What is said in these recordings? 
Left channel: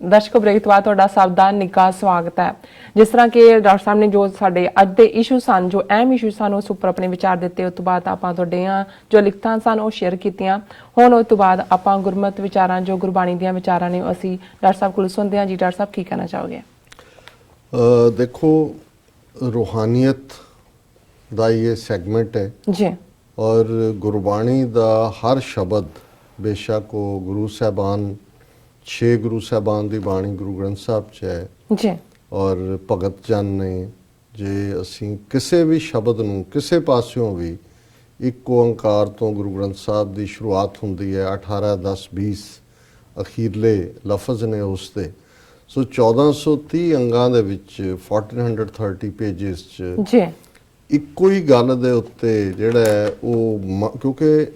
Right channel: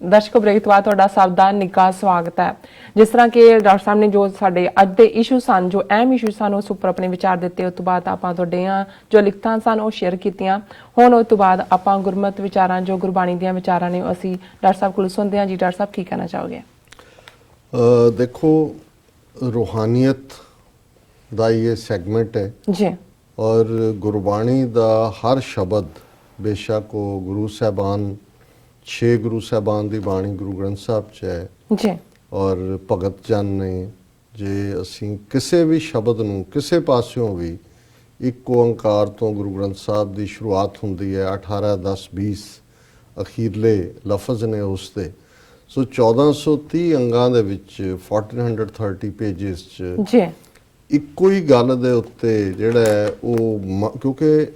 ਦਰਸ਼ਕੋ break ਤੋਂ ਬਾਅਦ ਤੁਹਾਡਾ ਸਭ ਦਾ ਨਿੱਘਾ ਸਵਾਗਤ ਹੈ। ਜਿਸ ਤਰ੍ਹਾਂ ਕਿ ਡਾਕਟਰ ਸਾਹਿਬ ਨੇ ਜੋ ਸਾਡੇ ਅੱਜ ਦੇ ਇਸ਼ੂ ਸਨ, ਜੋ ਅਹਿਮ ਇਸ਼ੂ ਸਨ, ਉਸ ਉੱਪਰ ਆਪਣੇ ਵਿਚਾਰ ਦਿੱਤੇ। ਉਸ ਤੋਂ ਬਾਅਦ ਆਪਾਂ ਤੁਹਾਡੀਆਂ ਜੋ ਲਿਖਤਾਂ ਸਨ ਉਹ ਸ਼ੇਅਰ ਕੀਤੀਆਂ। ਹੁਣ ਉਸ ਤੋਂ ਬਾਅਦ ਆਪਾਂ ਗੁਰਮਤ ਵਿਚਾਰਾਂ, ਜੋ ਗੁਰਬਾਣੀ ਦੀਆਂ ਵਿਚਾਰਾਂ ਨੇ, ਅਸੀਂ ਡਾਕਟਰ ਸਾਹਿਬ ਕੋਲ ਸੁਣਦੇ ਹਾਂ। ਜੀ ਡਾਕਟਰ ਸਾਹਿਬ, ਕੀ ਕਹਿਣਾ ਚਾਹੋਗੇ? देखो, रूहानियत ਦਾ ਇਹ ਸੈਗਮੈਂਟ ਹੈ ਜੀ, ਔਰ ਗੁਰਬਾਣੀ ਦਾ ਹਰ ਸ਼ਬਦ, ਬੇਸ਼ੱਕ ਉਹ ਗੁਰੂ ਸਾਹਿਬਾਨ 6 ਗੁਰੂ ਸਾਹਿਬਾਨ ਦੀ ਬਾਣੀ ਗੁਰੂ ਗ੍ਰੰਥ ਸਾਹਿਬ 'ਚ ਹੈ ਜੀ, ਔਰ ਭਗਤ ਜਨ ਨੇ, ਜੇ ਅਸੀਂ ਕਿਸੇ ਵੀ ਸ਼ਬਦ ਨੂੰ ਕਿਸੇ ਪਾਸਿਓਂ ਵੀ ਇੱਕ ਓੰਕਾਰ ਤੋਂ ਗੁਰੂ ਗ੍ਰੰਥ ਸਾਹਿਬ ਦੀ ਸ਼ੁਰੂਆਤ ਹੁੰਦੀ ਹੈ, 18 10 20 ਅਖੀਰਲੇ ਲਫ਼ਜ਼ ਨੇ ਉਸ ਦੇ। ਸੋ 1430 ਅੰਗਾਂ ਦੇ ਵਿੱਚ 1430 ਪੇਜਿਸ 'ਚ ਜੀ, ਇੱਕੋ ਹੀ ਗੱਲ ਦੇ ਉੱਤੇ ਜਿਹੜਾ ਹੈ ਉਹ, ਕਿਉਂਕਿ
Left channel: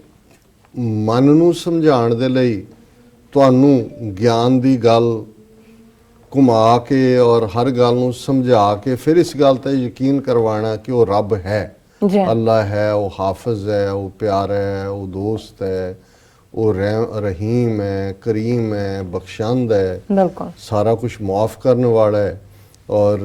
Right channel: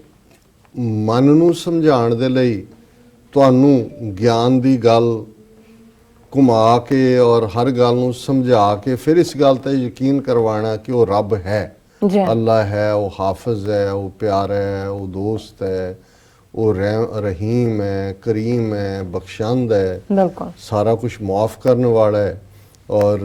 ਮਨ ਨੂੰ ਸਮਝਾਉਣ ਦੇ ਲਈ ਤੁਹਾਨੂੰ ਗਿਆਨ ਦੀ ਗੱਲ ਘੁਮਾ ਕੇ ਔਰ ਹਰ ਗੱਲ ਨੂੰ ਸਮਝਾ ਕੇ ਫਿਰ ਇਸ ਗੱਲ ਤੇ ਯਕੀਨ ਕਰਵਾਉਣਾ ਕਿ ਉਹ ਰੱਬ ਹੈ, ਅੱਲਾ ਹੈ, ਉਹ ਹਾਫਿਜ਼ ਹੈ, ਉਹ ਪਿਆਰਾ ਹੈ, ਉਹ ਦੋਸਤ ਹੈ, ਉਹ ਰਹੀਮ ਹੈ, ਕਰੀਮ ਹੈ, ਬਖਸ਼ੰਦ ਹੈ, ਸਾਰਾ ਕੁਝ ਮਾਫ ਕਰਨ ਵਾਲਾ ਹੈ। ਔਰ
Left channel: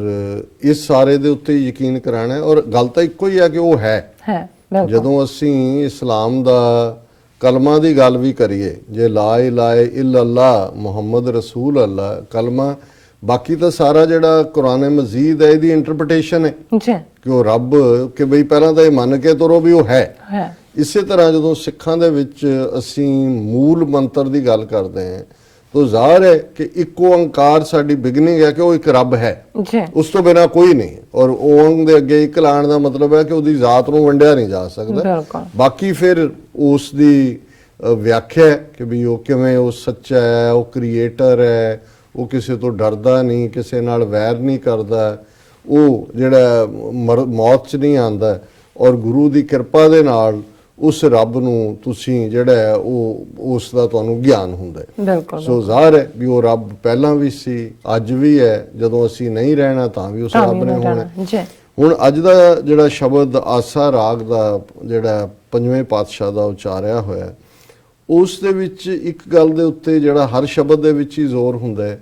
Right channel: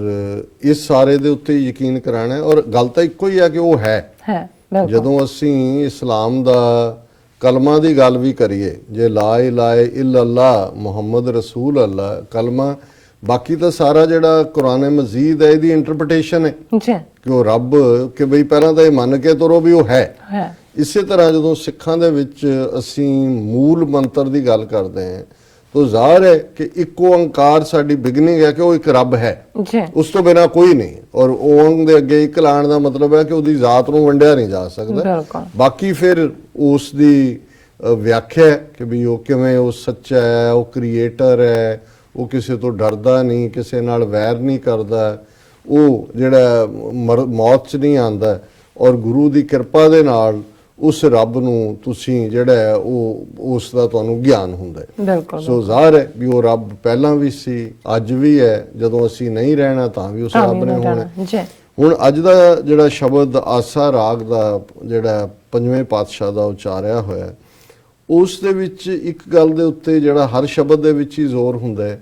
ਇਸ ਸਾਰੇ ਦੇ ਉੱਤੇ ਯਕੀਨ ਕਰਾਣਾ ਹੈ। ਔਰ ਗੱਲ ਤਾਂ ਇੱਕੋ ਹੀ ਹੈ ਕਿ ਉਹ ਹੈ। ਜਦੋਂ ਅਸੀਂ ਇਸਲਾਮ ਦਾ ਕਲਮਾ ਦੀ ਗੱਲ ਵੀ ਕਰੀਏ, ਜੇ ਲਾ ਇਲਾਹਾ ਇल्लल्लाह ਮੁਹੰਮਦ ਰਸੂਲ ਅੱਲਾ ਕਲਮਾ, ਬਾਕੀ ਤਾਂ ਸਾਰਾ ਜਿਹੜਾ ਕੁਰਾਨ ਮਜੀਦ ਹੈ ਇਹਦੀ ਇੰਟਰਪ੍ਰੀਟੇਸ਼ਨ ਹੈ ਕਿ ਉਹ ਰੱਬ, ਕਿ ਬਈ ਪਹਿਲਾਂ ਤਾਂ ਇਹ ਮੰਨ ਕੇ ਤੁਰੋ ਵੀ ਉਹ ਹੈ। ਇਸੇ ਤਰ੍ਹਾਂ ਜਦੋਂ ਸਿੱਖਾਂ ਦੇ ਵਿੱਚ ਅਸੀਂ ਮੂਲ ਮੰਤਰ ਦੀ ਗੱਲ ਕਰਦੇ ਹਾਂ ਤਾਂ ਜ਼ਾਹਰ ਹੈ ਕਿ ਇੱਕ ਓੰਕਾਰ ਸਾਡੀ ਬਿਗਨਿੰਗ ਹੈ ਕਿ ਉਹ ਇੱਕ ਰੱਬ ਹੈ, ਉਸ ਤੋਂ ਬਿਨਾਂ ਕੋਈ ਨਹੀਂ। ਔਰ ਓੰਗ ਦੇ ਅੱਗੇ ਇੱਕ ਲਾਣ ਦਾ ਮਤਲਬ ਹੈ ਕਿ ਉਹਦੀ ਜ਼ਾਤ ਨੂੰ ਵੰਡਿਆ ਨਹੀਂ ਜਾ ਸਕਦਾ। ਬਾਕੀ ਫਿਰ ਉਸ ਦੀ ਵਿਆਖਿਆ ਕਿ ਵੀ ਉਹ ਕਿਵੇਂ, ਉਹ ਸੱਚਾ ਹੈ, ਉਹ ਕ੍ਰੀਏਟਰ ਹੈ, ਉਹ ਕਿਸੇ ਤੋਂ ਡਰਦਾ ਨਹੀਂ, ਕਿਸੇ ਨਾਲ ਵੈਰ ਨਹੀਂ ਕਰਦਾ, ਉਹ ਜਿਹੜਾ ਮੌਤ 'ਚ ਨਹੀਂ ਆਉਂਦਾ। ਔਰ ਗੁਰੂ ਦੀ ਕਿਰਪਾ ਦੇ ਨਾਲ ਉਸ ਰੱਬ ਨੂੰ ਤੁਸੀਂ ਜਿਹੜਾ ਹੈ ਉਹ ਉਸ ਦਾ ਤੁਹਾਨੂੰ ਗਿਆਨ ਹੁੰਦਾ ਹੈ। ਸੋ ਜ਼ਾਹਰ ਹੈ ਵੀ ਉਹ ਰੱਬ ਪਹਿਲਾਂ ਵੀ ਸੀ, ਅੱਜ ਵੀ ਹੈ, ਜਦੋਂ ਅਸੀਂ ਨਹੀਂ ਰਹਿਣਾ ਤਾਂ ਵੀ ਉਸ ਰੱਬ ਨੇ ਹੋਣਾ। ਹੁਣ ਅੱਜ ਦਾ ਜਿਹੜਾ ਸ਼ਬਦ ਆਸਾ ਰਾਗ ਦਾ ਜਿਹੜਾ ਪੰਜਵੇਂ ਪਾਤਸ਼ਾਹ ਦਾ ਉਚਾਰਿਆ ਹੋਇਆ, ਉਸ ਦੇ ਵਿੱਚ ਇੱਕ ਗੱਲ ਦੇ ਉੱਤੇ ਜਿਹੜਾ ਹਰ ਸ਼ਬਦ ਦੇ ਵਿੱਚ ਹੀ ਜ਼ੋਰ ਹੁੰਦਾ ਹੈ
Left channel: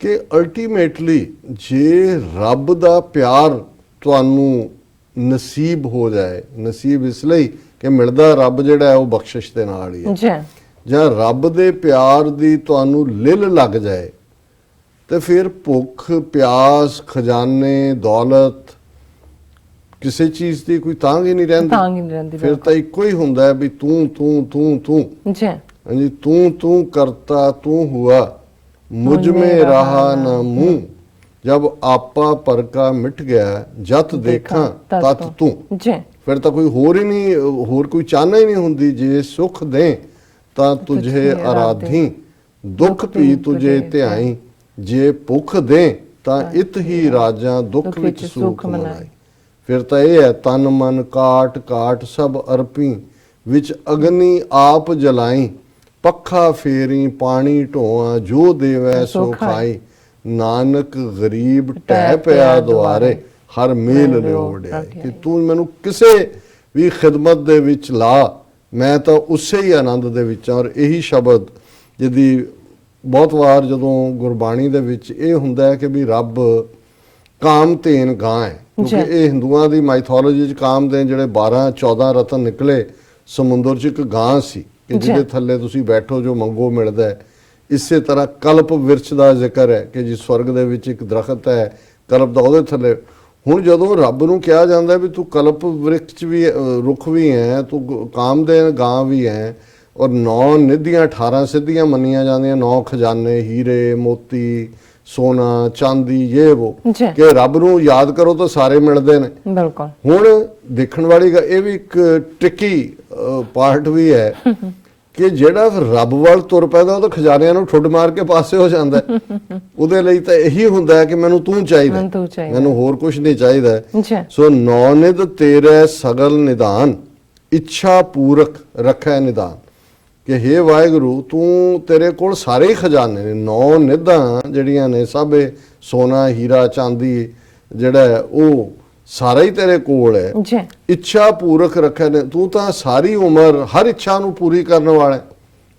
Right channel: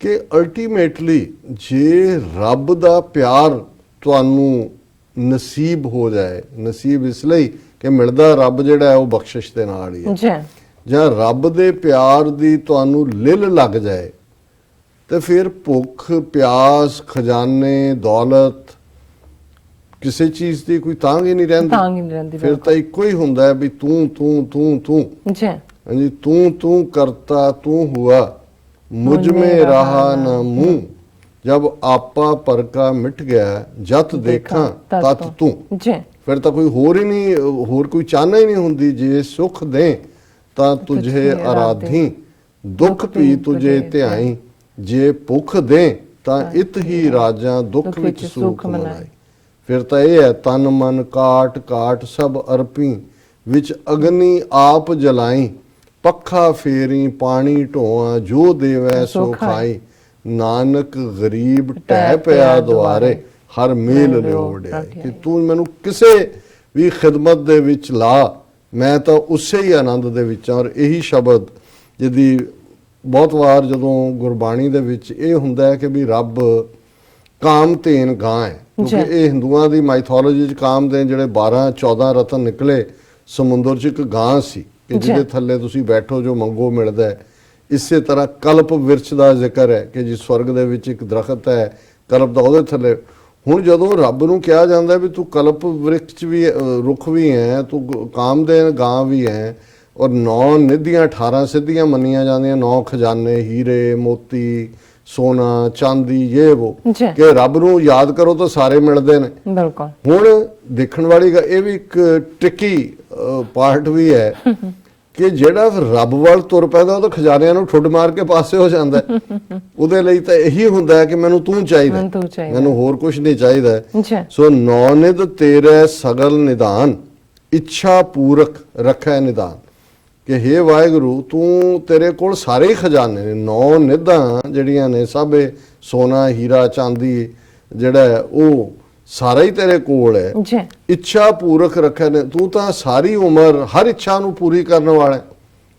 ਕਿ ਅਲਟੀਮੇਟਲੀ ਜੇ ਰੱਬ ਦਾ ਪਿਆਰ ਤੁਹਾਨੂੰ ਨਸੀਬ ਹੋ ਜਾਏ, ਨਸੀਬ ਇਸ ਲਈ ਕਿ ਮਿਲਦਾ ਰੱਬ ਜਿਹੜਾ ਹੈ ਉਹ ਬਖਸ਼ਿਸ਼ ਦੇ ਨਾਲ ਹੀ ਹੈ, ਜਾਂ ਰੱਬ ਦੇ ਪਿਆਰ ਦੀ ਤੁਹਾਨੂੰ ਲਿਲ ਲੱਗ ਜਾਏ ਤੇ ਫਿਰ ਭੁੱਖ ਪਿਆਸ, ਖਜ਼ਾਨੇ, ਦੌਲਤ, ਕਿਸੇ ਚੀਜ਼ ਦੀ ਕੋਈ ਤਾਂਘ ਹੀ ਨਹੀਂ ਰਹਿੰਦੀ। ਫਿਰ ਤਾਂ ਇੱਕੋ ਹੀ ਹੁੰਦਾ ਹੈ ਵੀ ਤੂੰ ਤੂੰ ਤੂੰ ਤੂੰ, ਹਾਂਜੀ, ਤੂੰ ਤੂੰ ਕਰਤਾ ਤੂੰ ਹੁਆ, ਮੁਝ ਮੇ ਰਹਾ ਨਾ ਮੂੰਹ, जब आपा पर का मिट गया जत देखा तत तू। फिर तो कोई होर ही नहीं, होर कोई चाहना ही नहीं हुंदी। जे सुख दे ता तुझे आराधी, दुख भी तुझे ध्याई, जे भुख दे ता इत ही राजा दुख विच सुख मनाई। फिर तो यह है तन मन काट काट सब अर्पी, विच अग्नि आप जलाई, पखा फेरी पानी ढोआ, जो देवै सो खाई, ਨਾਨਕ ਗਰੀਬ ਟਹਿ ਪਿਆ ਦੁਆਰੇ, ਹਰ ਮੇਲ ਰਿਓੜਿਆ। ਕਿ ਤੂੰ ਮੈਨੂੰ ਕਿਸੇ ਵੀ ਖਿਦਮਤ ਦੇ ਵਿੱਚ ਲਾ, ਮੈਂ ਤਾਂ ਉਸੇ ਹੀ ਆਨੰਦ ਦੇ ਵਿੱਚ। ਔਰ ਇਹੀ ਸ਼ਬਦ ਜਿਹਦੀ ਬਹੁਤ ਵਾਰ ਜਦੋਂ ਗੁਰਬਾਣੀ ਦੇ ਵਿੱਚ ਇਹ ਹੁੰਦਾ ਹੈ ਕਿ ਵੀ ਰੱਬ ਕਾਮਧੇਨ ਗਾਂ ਹੈ, ਕਿਉਂਕਿ ਇਹ ਹਿੰਦੂਆਂ ਦੀ ਮਾਈਥੋਲੋਜੀ 'ਚ ਕਾਮਧੇਨ ਜਿਹੜੇ 12-14 ਰਤਨ ਨਿਕਲੇ ਸਮੁੰਦਰ 'ਚ ਇੱਕ ਗਾਂ ਸੀ ਕਿ ਜਿਹਦੇ ਥੱਲੇ ਤੁਸੀਂ ਬੈਠੋ ਜੋ ਮੰਗੋ ਮਿਲਦਾ ਹੈ। ਇਸੇ ਤਰ੍ਹਾਂ ਕਲਪ ਵਿਰਛ ਦਾ ਜ਼ਿਕਰ ਹੈ ਕਿ ਜੀ ਸਵਰਗ ਦੇ ਵਿੱਚ ਇੱਕ ਦਰਖਤ ਹੈ ਕਲਪ ਦਾ, ਉਹਦੇ ਥੱਲੇ। ਹੁਣ ਜਦੋਂ ਰੱਬ ਨੂੰ ਕਿਹਾ ਜਾਂਦਾ ਵੀ ਤੂੰ ਕਲਪ ਵਿਰਛ ਵੀ, ਰੁੱਖ ਵੀ ਹੈ, ਤੂੰ ਕਾਮਧੇਨ ਗਾਂ ਵੀ ਹੈ, ਔਰ 9 ਨਿਧੀਆਂ 18 ਸਿੱਧੀਆਂ ਮੰਨੀਆਂ ਜਾਂਦੀਆਂ, 9 ਖਜ਼ਾਨੇ, ਹੀਰੇ ਮੋਤੀ, ਸੋਨਾ ਚਾਂਦੀ, ਇਹ ਉਹ, ਕਿ ਰੱਬ ਨੂੰ ਯਾਦ ਕਰੋ ਤਾਂ ਸਾਰੇ ਮਿਲਦੇ ਨੇ। ਹੁਣ ਦੇਖਣ ਵਾਲੀ ਇਹ ਵੀ ਇੱਕ ਟਿੱਕੀ ਪਾਰਟ ਵੀ ਹੈ ਕਿ ਜਿਹੜਾ ਰੱਬ ਵੱਲ ਤੁਰ ਪੈਂਦਾ ਉਹ ਤਾਂ ਖਜ਼ਾਨਿਆਂ ਨੂੰ ਠੁੱਡ ਮਾਰ ਕੇ ਪਾਸੇ ਹੋ ਜਾਂਦਾ। ਉਹਦੇ ਲਈ ਤਾਂ ਇਹੀ ਹੁੰਦਾ ਹੈ ਕਿ ਮੈਨੂੰ ਤੂੰ ਚਾਹੀਦਾ, ਮੈਨੂੰ ਹੋਰ ਕੁਝ ਨਹੀਂ ਚਾਹੀਦਾ। ਸੋ ਨੌ ਨਿਧ ਤੇਰੇ ਸਗਲ ਨਿਦਾਨ, ਇੱਛਾ ਪੂਰਕ ਰੱਖੈ ਨਿਦਾਨ, ਕਿ ਹੇ ਵਾਹਿਗੁਰੂ ਤੂੰ, ਤੇਰੇ ਕੋਲ ਸਾਰੇ ਖਜ਼ਾਨੇ ਨੇ। 9 ਨਿਧਾਂ ਜਿਹੜੀਆਂ ਨੇ ਸਭ ਸੋਨਾ ਹੀਰਾ ਚਾਂਦੀ ਜਿਹੜਾ ਉਹ ਸਾਰਾ ਹੀ ਤੇਰੇ ਕੋਲ ਹੈ। ਇੱਛਾ ਪੂਰਕ ਰੱਖਿਆ ਨੇ, ਤੂੰ ਤਾਂ ਸਾਰੀ ਉਮਰ ਹਰ ਇੱਛਾ ਨੂੰ ਪੂਰੀ ਕਰਨ ਵਾਲਾ।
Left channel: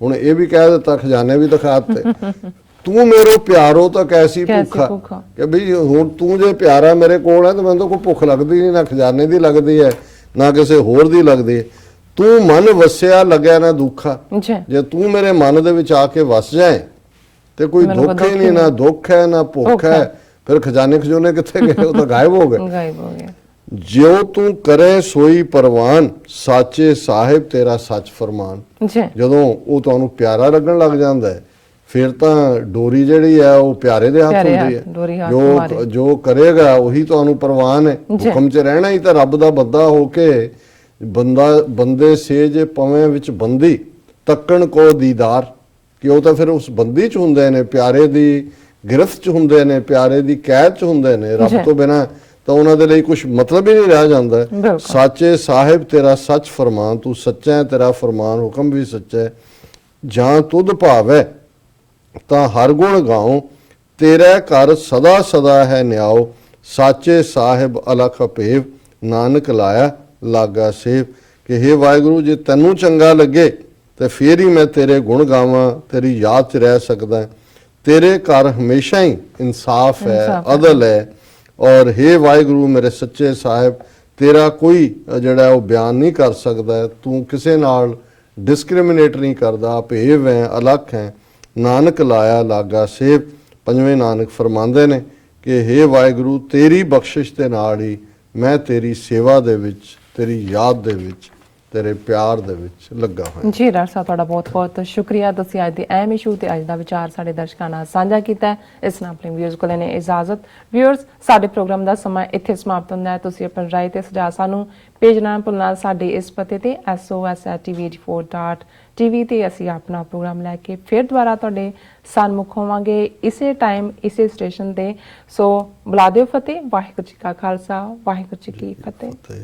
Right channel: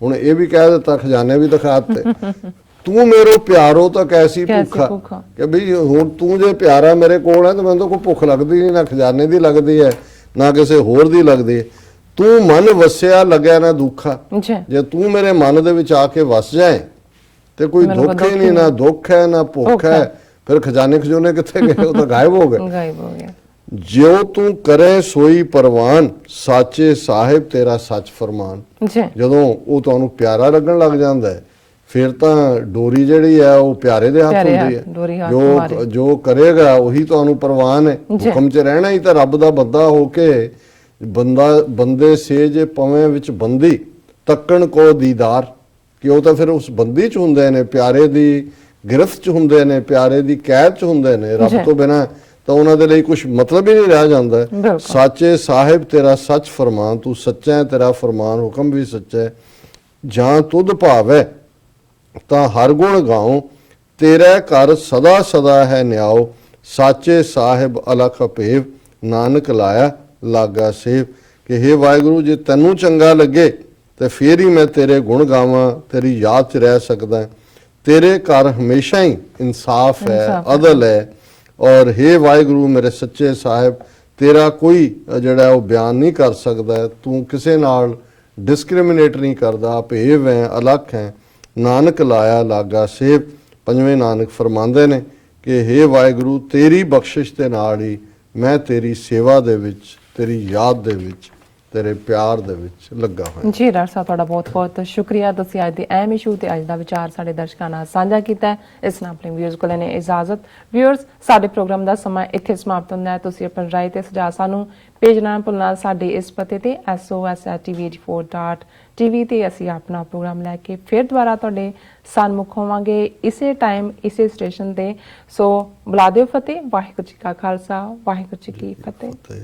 ਹੁਣ ਇਹ ਵੀ ਕਹਿ ਦਿੱਤਾ, ਖਜ਼ਾਨੇ ਵੀ ਦਿਖਾ ਦਿੱਤੇ। ਤੂੰ ਮੇਰੇ ਪਿਆਰੋ ਤਾਂ ਕੈਸੀ ਕੈਸੀ ਭੁੱਖਾ ਭੁੱਖਾ। ਕਿ ਵੀ ਹੁਣ ਤੂੰ ਜੇ ਪਿਆਰਾ ਮੇਰੇ ਕੋਲ ਹੈ ਤਾਂ ਮੈਨੂੰ ਤਾਂ ਕੋਈ ਭੁੱਖ ਲੱਗਦੀ ਨਹੀਂ, ਨਾ ਖਜ਼ਾਨੇ ਦੀ ਲੱਗਦੀ ਹੈ ਨਾ ਕਿਸੇ ਹੋਰ ਦੀ ਲੱਗਦੀ ਹੈ। ਤੂੰ ਮਨ ਵਸਿਆ ਲੱਗਿਆ ਨਾ ਦੁੱਖਾ, ਜੀ ਜੇ ਤੂੰ ਮੇਰੇ ਮਨ ਦੇ ਵਿੱਚ ਆ ਕੇ ਵਸ ਜਾਏ ਤੇ ਕੋਈ ਮੈਨੂੰ ਦੁੱਖ ਹੀ ਨਹੀਂ, ਨਾ ਦੁੱਖ ਹੈ ਨਾ ਭੁੱਖ ਹੈ। ਫਿਰ ਖਜ਼ਾਨੇ ਖਜੂਨੇ ਕਿੱਥੇ ਗਏ, ਉਹ ਤਾਂ ਗਾਇਬ ਹੋ ਗਏ। ਗਾਇਬ ਹੋ ਗਿਆ। ਜਿਉ ਤੂੰ ਕਰੇ ਸੋਈ ਪਰਵਾਨ, ਸਾਚੇ ਸਾਹਿਬ ਤੇਰਾ ਸੱਚ ਫਰਮਾਨ। ਜੀ ਜਦੋਂ ਉਹ ਤੁਹਾਨੂੰ ਪਿਆਰਾ ਲੱਗਣ ਲੱਗ ਜਾਂਦਾ ਹੈ ਫਿਰ ਤਾਂ ਡੋਰੀ ਜਿਹੜੀ ਹੈ ਉਹ ਪਿਆਰੇ ਦੇ ਹੱਥ ਪਿਆਰੇ ਹੁੰਦੀ ਹੱਥ, ਡੋਰੀ ਹੈ। ਹੱਥ ਮਾਰੇ। ਜੋ ਕਰੇਗਾ ਉਹੀ ਤੁਹਾਨੂੰ ਪ੍ਰਵਾਨ ਹੈ। ਜੀ। ਹੁਕਮ 'ਚ ਰਹਿਣਾ ਹੀ ਤਾਂ ਰੱਬ ਦਾ ਬੰਦਾ ਹੋ ਕੇ, ਬੰਦੇ ਸੇ ਜੇ ਪਵੇਂ ਵਿੱਚ ਬੰਦੀ ਤੱਕਣ ਕੋ ਦੀਦਾਰ, ਕਿ ਉਹ ਤਾਂ ਫਿਰ ਉਸ ਬੰਦੀ 'ਚ ਹੁੰਦੇ ਨੇ, ਪਿਆਰੇ ਦੀ ਗਿਰਫਤ 'ਚ ਹੁੰਦੇ ਨੇ, ਪਿਆਰੇ ਦੀ ਕੈਦ 'ਚ ਹੁੰਦੇ ਨੇ। ਰੱਬ ਜੀ। ਤੋਂ ਬਿਨਾਂ ਤਾਂ ਉਹਨਾਂ ਦੇ ਲਈ ਕੁਝ ਮਤਲਬ ਹੀ ਨਹੀਂ ਰਹਿ ਜਾਂਦਾ ਹੈ। ਬਿਲਕੁਲ। ਸਾਚੇ ਸਾਹਿਬ ਤੇਰਾ ਸੱਚ ਫਰਮਾਨ, ਤੂੰ ਸੱਚਾ ਹੈ, ਤੇਰਾ ਫਰਮਾਨ ਹੁਕਮ ਵੀ ਸੱਚਾ ਹੈ। ਜਾਂ ਤੁਧ ਭਾਵੈ ਤਾਂ ਹਰ ਗੁਣ ਗਾਉ, ਤੇਰੇ ਘਰ ਸਦਾ ਸਦਾ ਹੈ ਨਿਆਓ। ਸਾਚੇ ਸਾਹਿਬ ਅਲਖ ਭੇਵ, ਨਾਨਕ ਲਾਇਆ ਲਾਗਾ ਸੇਵ। ਕਿ ਹੇ ਵਾਹਿਗੁਰੂ, ਜੇ ਤੈਨੂੰ ਚੰਗਾ ਲੱਗੇ ਤੇ ਫੇਰ ਹੀ ਮੈਂ ਤੇਰੇ ਗੁਣ ਗਾਵਾਂ, ਤੇਰੀ ਯਾਦ 'ਚ ਰਹਿ ਸਕਦਾ। ਤੇਰੇ ਘਰ ਹਮੇਸ਼ਾ ਹੀ ਇਨਸਾਫ ਹੈ, ਇਨਸਾਫ ਹੈ। ਅਦਲ ਹੈ। ਔਰ ਹੇ ਵਾਹਿਗੁਰੂ ਮੇਰੇ ਸੱਚੇ ਸਾਹਿਬ, ਤੇਰਾ ਕੋਈ ਜਿਹੜਾ ਉਹ ਬਿਆਨ ਨਹੀਂ ਕਰ ਸਕਦਾ। ਤੂੰ ਕਿਸੇ ਨਾਲ ਡਿਸਕ੍ਰਿਮੀਨੇਟ ਨਹੀਂ ਕਰਦਾ, ਭੇਵ ਹੈ, ਅਲੱਖ ਹੈ। ਨਾਨਕ ਲਾਇਆ ਲਾਗਾ ਸੇਵ। ਪੰਜਵੇਂ ਨਾਨਕ ਫਰਮਾਉਂਦੇ ਨੇ ਕਿ ਹੇ ਵਾਹਿਗੁਰੂ, ਤੇਰੀ ਬਖਸ਼ਿਸ਼ ਦੇ ਨਾਲ ਹੀ ਮੈਂ ਤੇਰੀ ਸੇਵਾ ਦੇ ਵਿੱਚ, ਤੇਰੀ ਯਾਦ ਦੇ ਵਿੱਚ, ਤੇਰੇ ਪਿਆਰ ਦੇ ਵਿੱਚ ਲੱਗਾ ਹੋਇਆ। ਜੀ ਡਾਕਟਰ ਸਾਹਿਬ, ਤੁਹਾਡਾ ਬਹੁਤ ਬਹੁਤ ਸ਼ੁਕਰੀਆ। ਤੁਸੀਂ ਅੱਜ ਦੇ ਅਹਿਮ ਇਸ਼ੂ ਤੇ ਅੱਜ ਦਾ ਵਿਚਾਰ ਸਾਡੇ ਦਰਸ਼ਕਾਂ ਨਾਲ ਸਾਂਝਾ ਕੀਤਾ ਹੈ। ਇਸ ਨਾਲ ਆਪਣੇ ਵਿਊਅਰਸ ਕੋਲ ਨੇ ਇਜਾਜ਼ਤ। ਵਿਊਅਰਸ, ਸਾਡੇ ਪ੍ਰੋਗਰਾਮ ਦਾ ਸਮਾਂ ਇੱਥੇ ਸਮਾਪਤ ਹੁੰਦਾ ਹੈ। ਤੁਸੀਂ ਆਪਣੀ ਰਾਏ ਤੇ ਸੁਝਾਅ ਸਾਨੂੰ ਭੇਜਣਾ ਨਾ ਭੁੱਲਣਾ। ਸਾਡੇ ਇਸ ਪਤੇ ਤੇ sos@tv84.tv ਤੇ ਅਸੀਂ ਆਪਣਾ ਪ੍ਰੋਗਰਾਮ ਲੈ ਕੇ ਫਿਰ ਦੁਬਾਰਾ ਤੁਹਾਡੇ ਸਨਮੁਖ ਹੋਵਾਂਗੇ, ਇਸੇ ਟਾਈਮ ਇਸੇ ਸਟੇਸ਼ਨ ਤੇ। ਸੋ ਬੁਲਾ ਦਿਓ ਫਤਿਹ। ਵਾਹਿਗੁਰੂ ਜੀ ਕਾ ਖਾਲਸਾ, ਵਾਹਿਗੁਰੂ ਜੀ ਕੀ ਫਤਿਹ। ਤੇ